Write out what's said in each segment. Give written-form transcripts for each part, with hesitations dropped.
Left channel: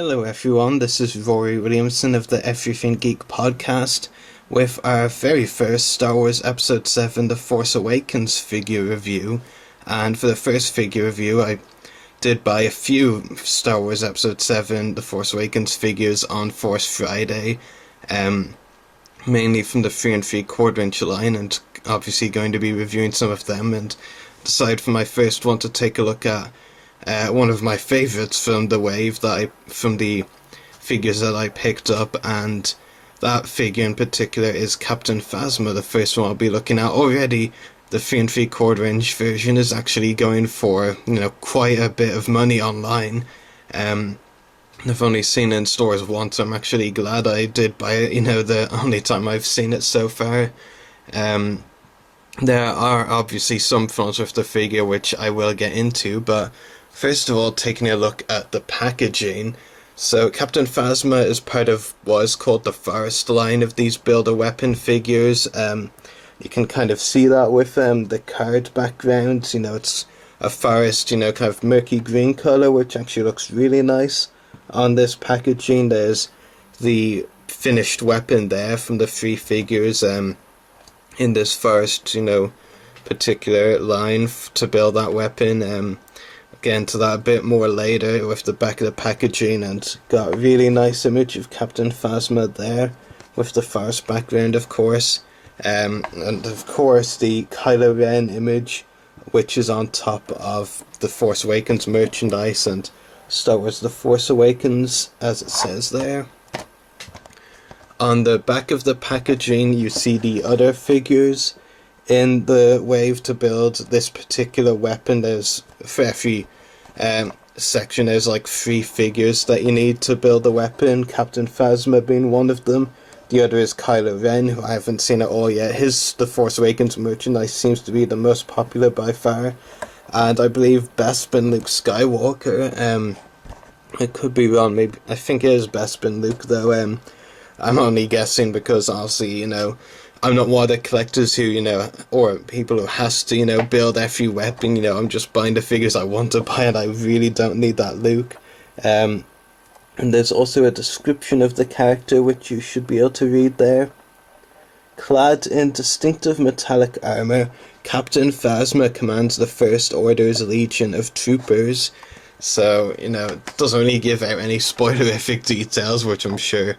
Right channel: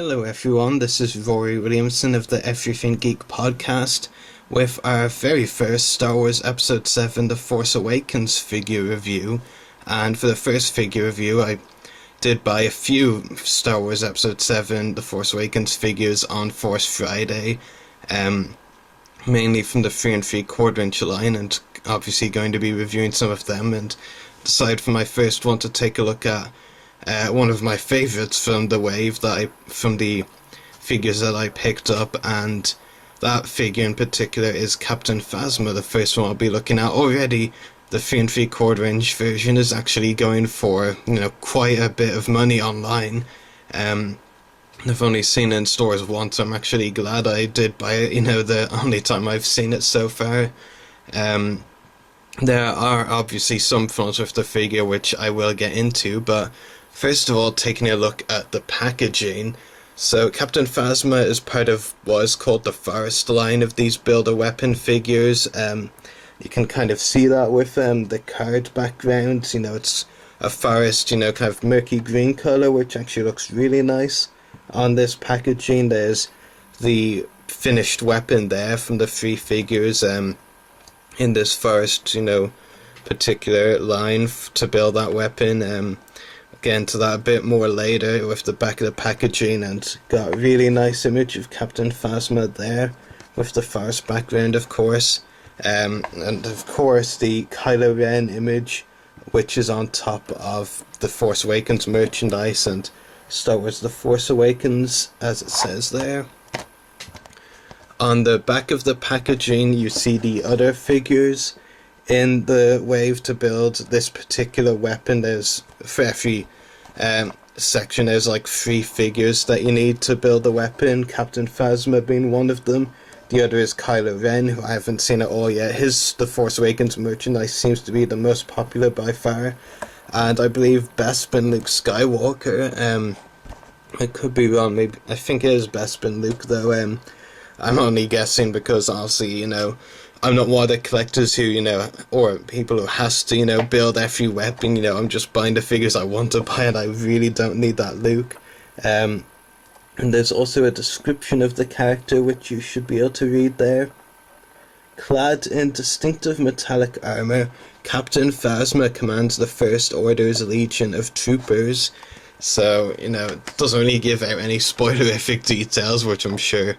Hello everyone, this is Ruari Williamson of the Everything Geek podcast with our very first Star Wars Episode 7 The Force Awakens figure review. And for the first figure review I did buy a few Star Wars Episode 7 The Force Awakens figures on Force Friday, mainly from the 3 3/4 inch line, and obviously going to be reviewing some of them, and decided for my first one to take a look at one of my favourites from the wave from the figures that I picked up, and that figure in particular is Captain Phasma, the first one I'll be looking at. Already the 3 3/4 inch version is actually going for, quite a bit of money online. I've only seen it in stores once. I'm actually glad I did buy it, the only time I've seen it so far. There are obviously some flaws with the figure which I will get into, but first of all, taking a look at the packaging. So Captain Phasma is part of what is called the Forest line of these Build-A-Weapon figures. You can kind of see that with the card background. It's a forest, kind of murky green colour, which actually looks really nice. On this packaging, there's the finished weapon there from the 3 figures in this forest, particular line to build that weapon. Get into that a bit more later with the back of the packaging, and got a really nice image of Captain Phasma there with the forest background, of course, and of course the Kylo Ren image, which is on top of the Force Awakens merchandise and Star Wars The Force Awakens, as it says there. On the back of the packaging you see the other figures in the wave to build this particular weapon. There's, for every section, there's like 3 figures that you need to build the weapon, Captain Phasma being one of them. The other is Kylo Ren, who I haven't seen at all yet. The Force Awakens merchandise seems to be the most popular by far, and I believe Bespin Luke Skywalker. I could be wrong, maybe I think it is Bespin Luke though. I'm only guessing because obviously, I'm not one of the collectors who, or people who has to, build every weapon. I'm just buying the figures I want to buy, and I really don't need that Luke. And there's also a description of the character, which you should be able to read there. Clad in distinctive metallic armour, Captain Phasma commands the First Order's legion of troopers. So, it doesn't really give out any spoilerific details, which I'm sure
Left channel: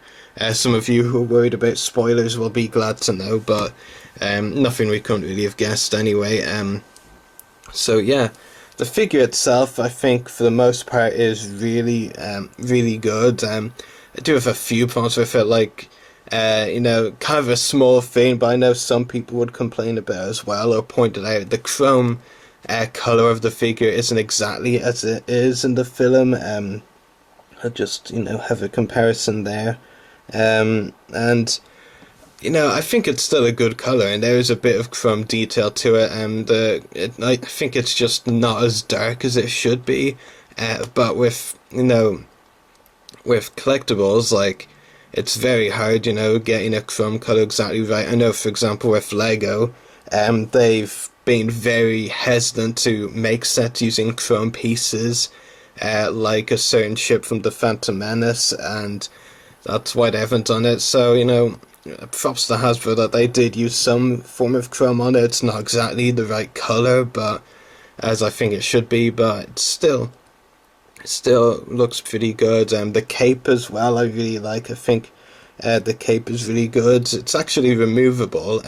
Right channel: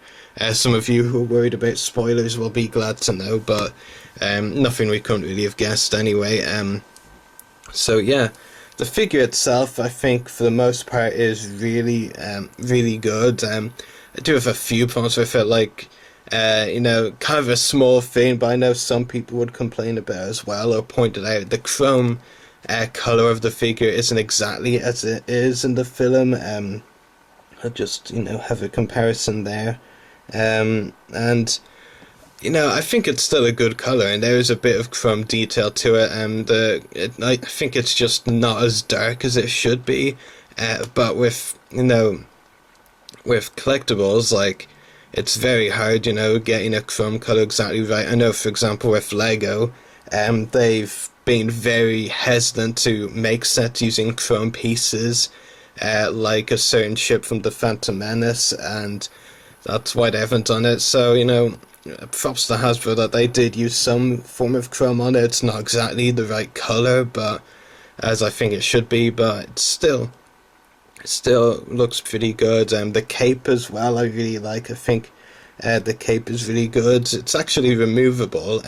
some of you who are worried about spoilers will be glad to know, but nothing we couldn't really have guessed anyway. So yeah, the figure itself, I think, for the most part, is really, really good. I do have a few problems with it, like, kind of a small thing, but I know some people would complain about as well, or point it out. The chrome colour of the figure isn't exactly as it is in the film. I'll just, have a comparison there. And, I think it's still a good colour, and there is a bit of chrome detail to it, and I think it's just not as dark as it should be, but with collectibles, like, it's very hard, getting a chrome colour exactly right. I know, for example, with Lego, they've been very hesitant to make sets using chrome pieces, like a certain ship from the Phantom Menace, and that's why they haven't done it. So, props to Hasbro that they did use some form of chrome on it. It's not exactly the right colour, but as I think it should be, but it still looks pretty good. The cape as well, I really like. I think the cape is really good. It's actually removable.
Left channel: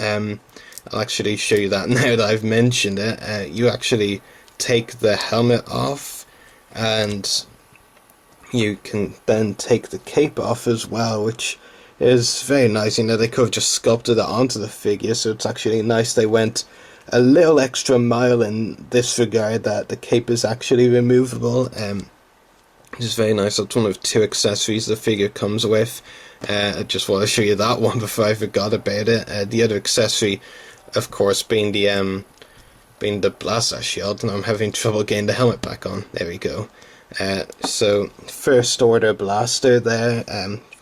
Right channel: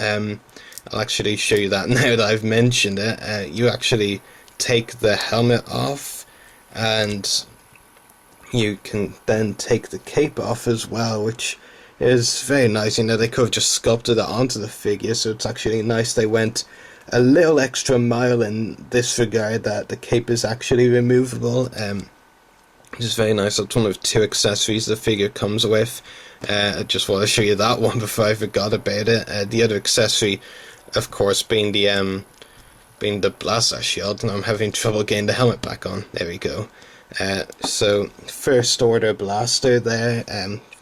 I'll actually show you that now that I've mentioned it. You actually take the helmet off, and you can then take the cape off as well, which is very nice. They could have just sculpted it onto the figure, so it's actually nice they went a little extra mile in this regard, that the cape is actually removable. Which is very nice. That's one of 2 accessories the figure comes with. I just want to show you that one before I forgot about it. The other accessory, of course, being the blaster shield, and I'm having trouble getting the helmet back on. There we go. So First Order blaster there.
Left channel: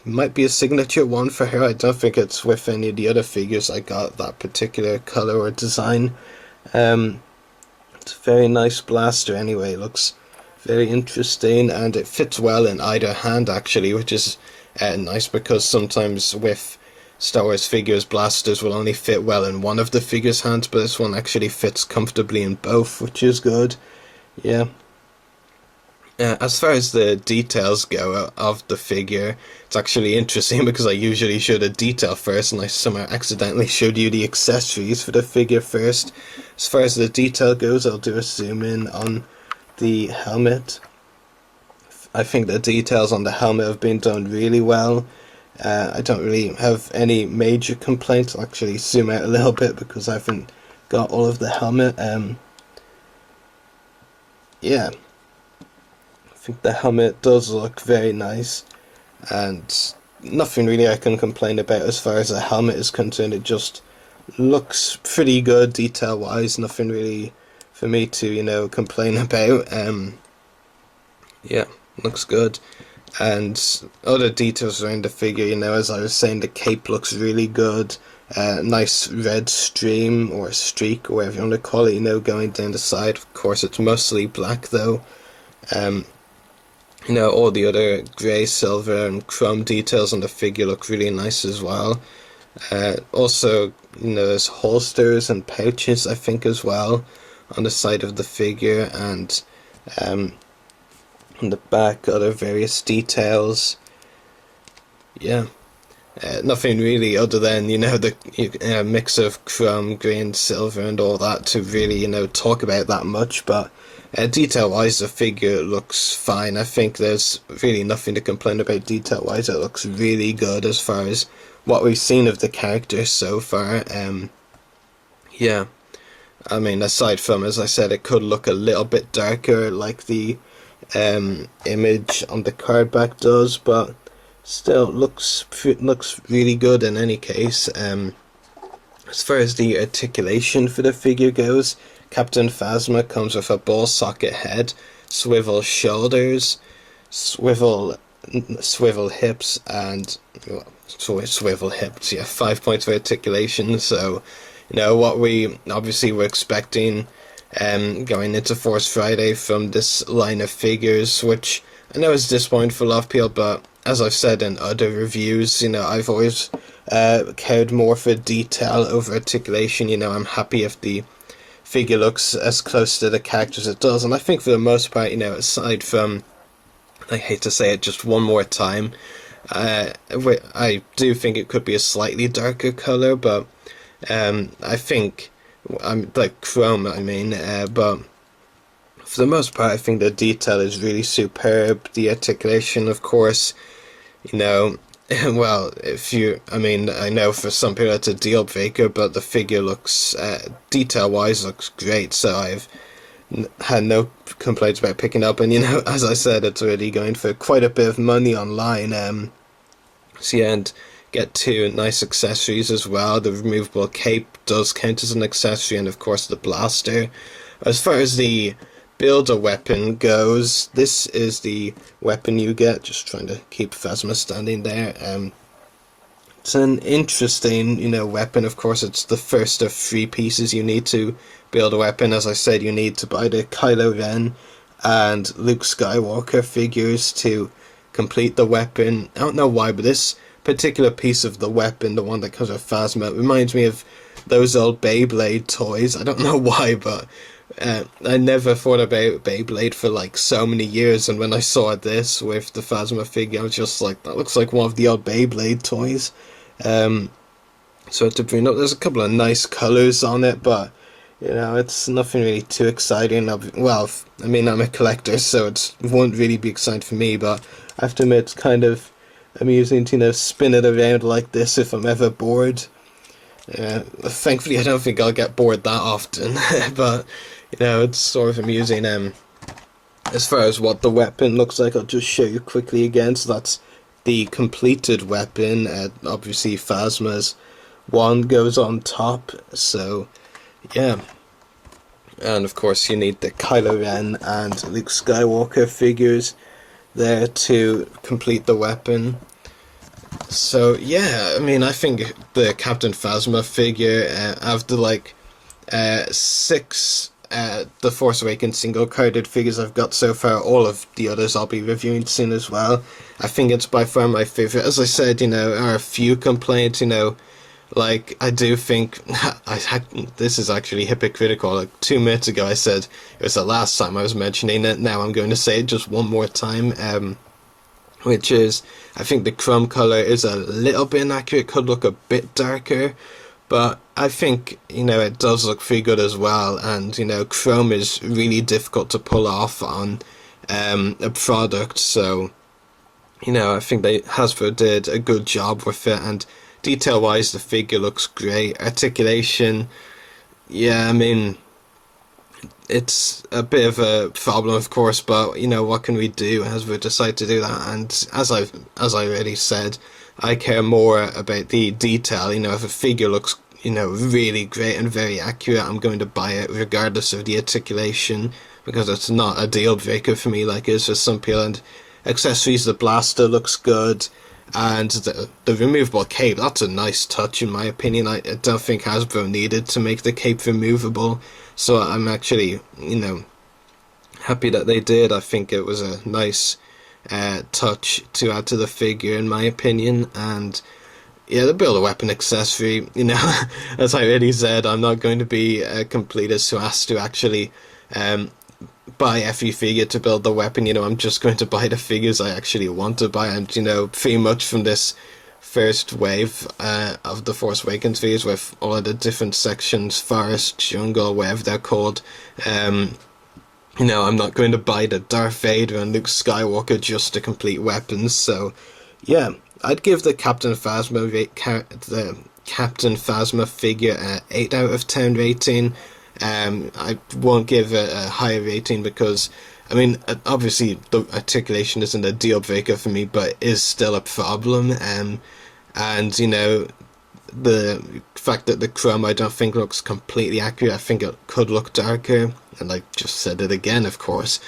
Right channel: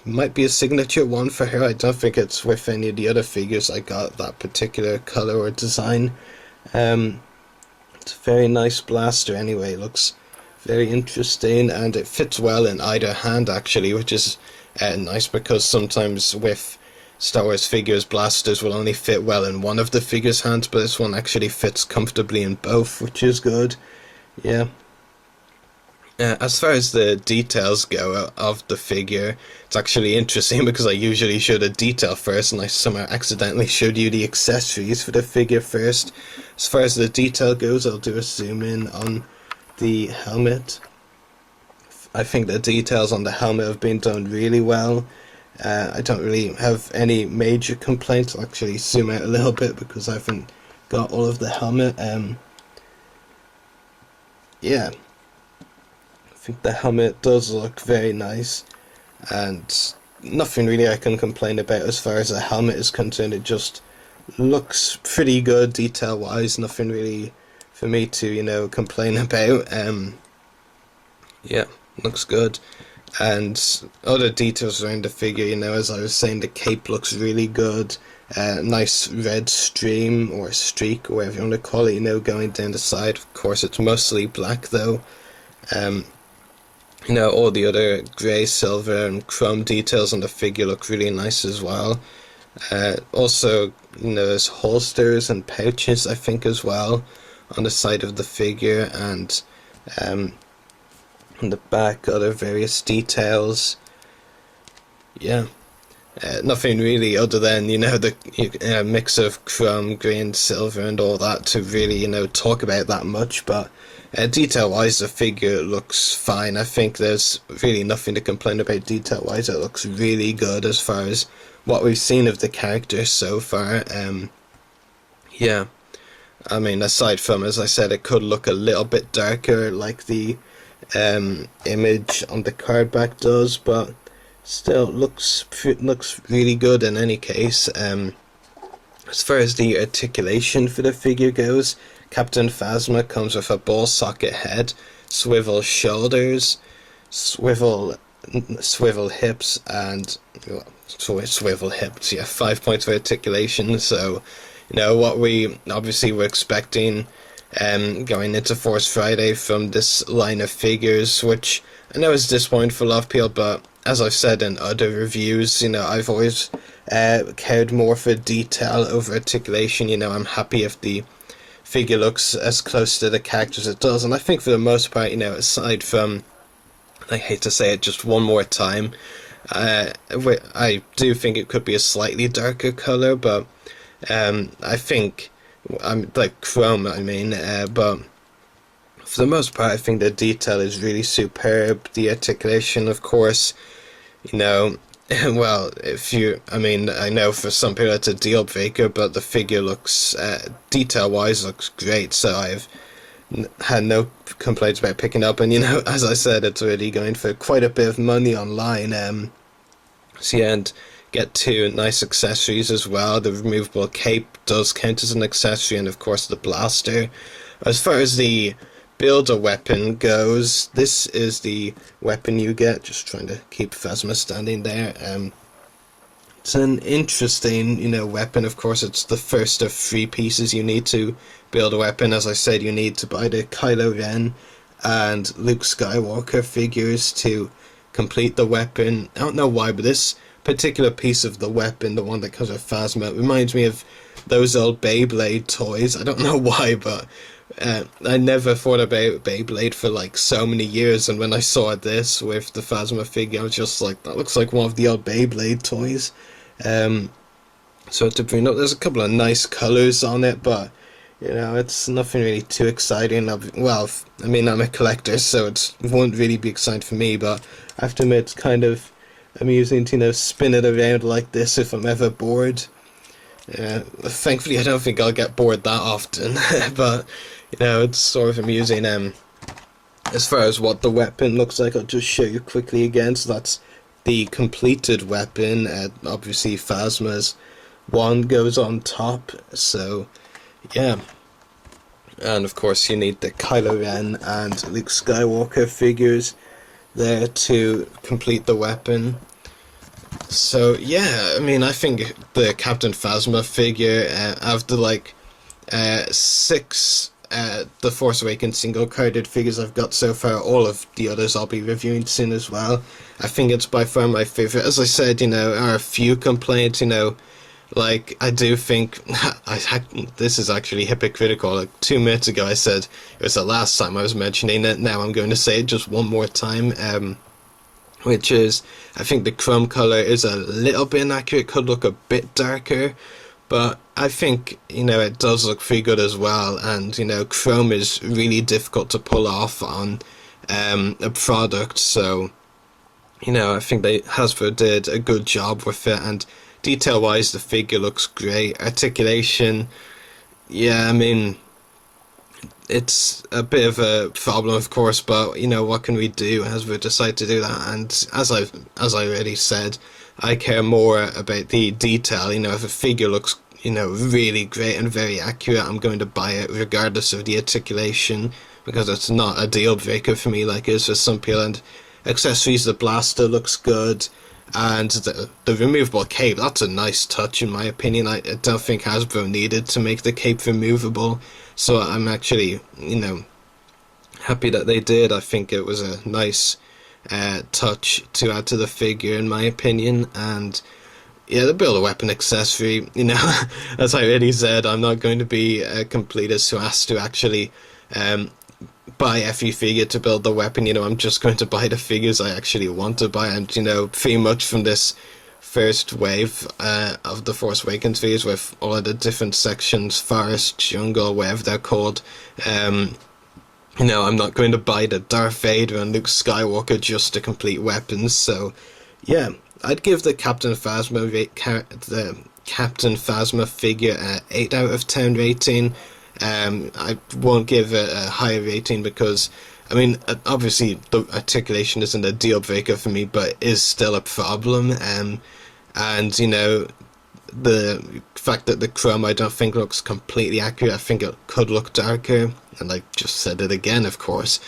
Might be a signature one for her. I don't think it's with any of the other figures I got that particular colour or design. It's a very nice blaster anyway. Looks Very interesting, and it fits well in either hand actually, which is nice, because sometimes with Star Wars figures, blasters will only fit well in one of the figure's hands, but this one actually fits comfortably in both, which is good. Yeah. As far as the details go of the figure, it's actually interesting because I usually show the detail first, and I somehow accidentally showed you the accessories for the figure first. As far as the detail goes, I'll do a zoom in on the helmet. I think the details on the helmet have been done really well. I don't really have any major complaints. I'll actually zoom out a little bit because I haven't got all of the helmet. Yeah. I think the helmet does look very nice, and nothing really I can complain about as far as the helmet is concerned. It just looks pretty good detail wise, nothing really for me to, complain about. Yeah, looks good. And other details around the figure, as I was saying, the cape looks really good. Nice red stream or streak, or whatever you want to call it, going down the side. Of course, it's mostly black though. All the other grey, silver, and chrome details on the figure look really nice as well. Also, there's holsters and pouches, I think, as well, on the side of the figure, and on the back, other various details. Yeah. Nothing really other than, the mix of chrome, grey, and silver and all that to really, talk about that much, but detail-wise, the figure looks fine. I think there's really nothing to complain about detail-wise. It looks really good as far as what we've seen of the character so far. Yeah. I mean, aside from, as I said, it could look a little bit darker like the image on the card back does, but still looks really good in any case. As far as the articulation for the figure goes, Captain Phasma comes with a ball socket head, swivel shoulders, swivel hips, and swivel hips. Yeah, 5 points of articulation. So, what we obviously were expecting going into Force Friday from this line of figures, which I know is disappointing for a lot of people, but as I've said in other reviews, I've always cared more for detail over articulation. I'm happy if the figure looks as close to the character as it does, and I think for the most part, aside from, I hate to say it just one more time, I do think it could be a slightly darker colour, but I think, like chrome, but for the most part, I think the detail is really superb. The articulation, of course, well, I know for some people it's a deal breaker, but the figure looks, detail-wise, looks great, so I've had no complaints about picking up, and, as I said, it's already going for quite a bit of money online, so yeah, and get two nice accessories as well. The removable cape does count as an accessory, and of course the blaster. As far as the builder weapon goes, this is the weapon you get. Just trying to keep Phasma standing there. It's an interesting, weapon. Of course, it's the first of 3 pieces you need to build a weapon. As I said, you need to buy the Kylo Ren and Luke Skywalker figures to complete the weapon. I don't know why, but this particular piece of the weapon, the one that comes with Phasma, reminds me of those old Beyblade toys. I don't know why, but I never thought about Beyblade for like so many years, and when I saw this with the Phasma figure, I was just like, that looks like one of the old Beyblade toys. So to bring up, there's a couple of nice colours on it, but it's nothing really too exciting. I'm a collector, so it won't really be exciting for me, but I have to admit it's kind of amusing to spin it around like this if I'm ever bored. Thankfully I don't think I'll get bored that often, but it's sort of amusing. As far as what the weapon looks like, I'll just show you quickly again. So that's the completed weapon. Obviously Phasma's wand goes on top, so yeah. And of course you need the Kylo Ren and Luke Skywalker figures there to complete the weapon. So yeah, I think the Captain Phasma figure, after 6 the Force Awakens single-carded figures I've got so far. All of the others I'll be reviewing soon as well. I think it's by far my favourite. As I said, there are a few complaints, like, I do think, this is actually hypocritical. Like, 2 minutes ago I said it was the last time I was mentioning it. Now I'm going to say it just one more time, which is, I think the chrome colour is a little bit inaccurate, could look a bit darker, but I think, it does look pretty good as well, and, chrome is really difficult to pull off on a product, so, I think Hasbro did a good job with it, and detail-wise, the figure looks great. Articulation, yeah, I mean, it's a bit of a problem, of course, but, what can we do? Hasbro decided to do that, and as I already said, I care more about the detail. If a figure looks, really great and very accurate, I'm going to buy it regardless of the articulation, because it's not a deal breaker for me like it is for some people. And accessories, the blaster looks good, and the removable cape, that's a nice touch in my opinion. I don't think Hasbro needed to make the cape removable, so I'm actually, happy that they did. I think it was a nice touch to add to the figure in my opinion. And yeah, the build a weapon accessory, as I already said, I'm not going to be a completist who has to actually buy every figure to build the weapon. I'm just going to buy the figures I actually want to buy, and pretty much from this first wave of the Force Awakens figures with all of the different sections, forest, jungle, whatever they're called, I'm not going to buy the Darth Vader and Luke Skywalker just to complete weapons. So yeah, I'd give the Captain Phasma figure an 8 out of 10 rating. I won't give it a higher rating because, obviously the articulation isn't a deal breaker for me, but it is still a problem. And the fact that the chrome I don't think looks completely accurate. I think it could look darker, and I just said it again, of course.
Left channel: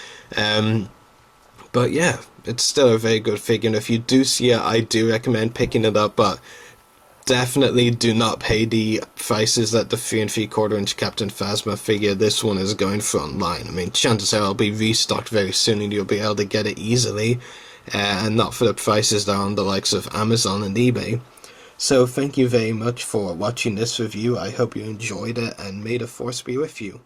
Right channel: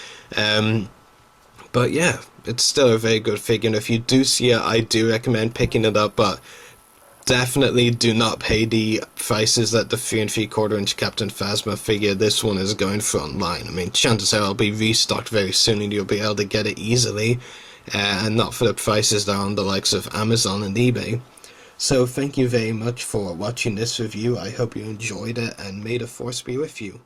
But yeah, it's still a very good figure, and if you do see it, I do recommend picking it up, but definitely do not pay the prices that the 3 3/4 inch Captain Phasma figure this one is going for online. Chances are it'll be restocked very soon and you'll be able to get it easily, and not for the prices that are on the likes of Amazon and eBay. So thank you very much for watching this review. I hope you enjoyed it, and may the Force be with you.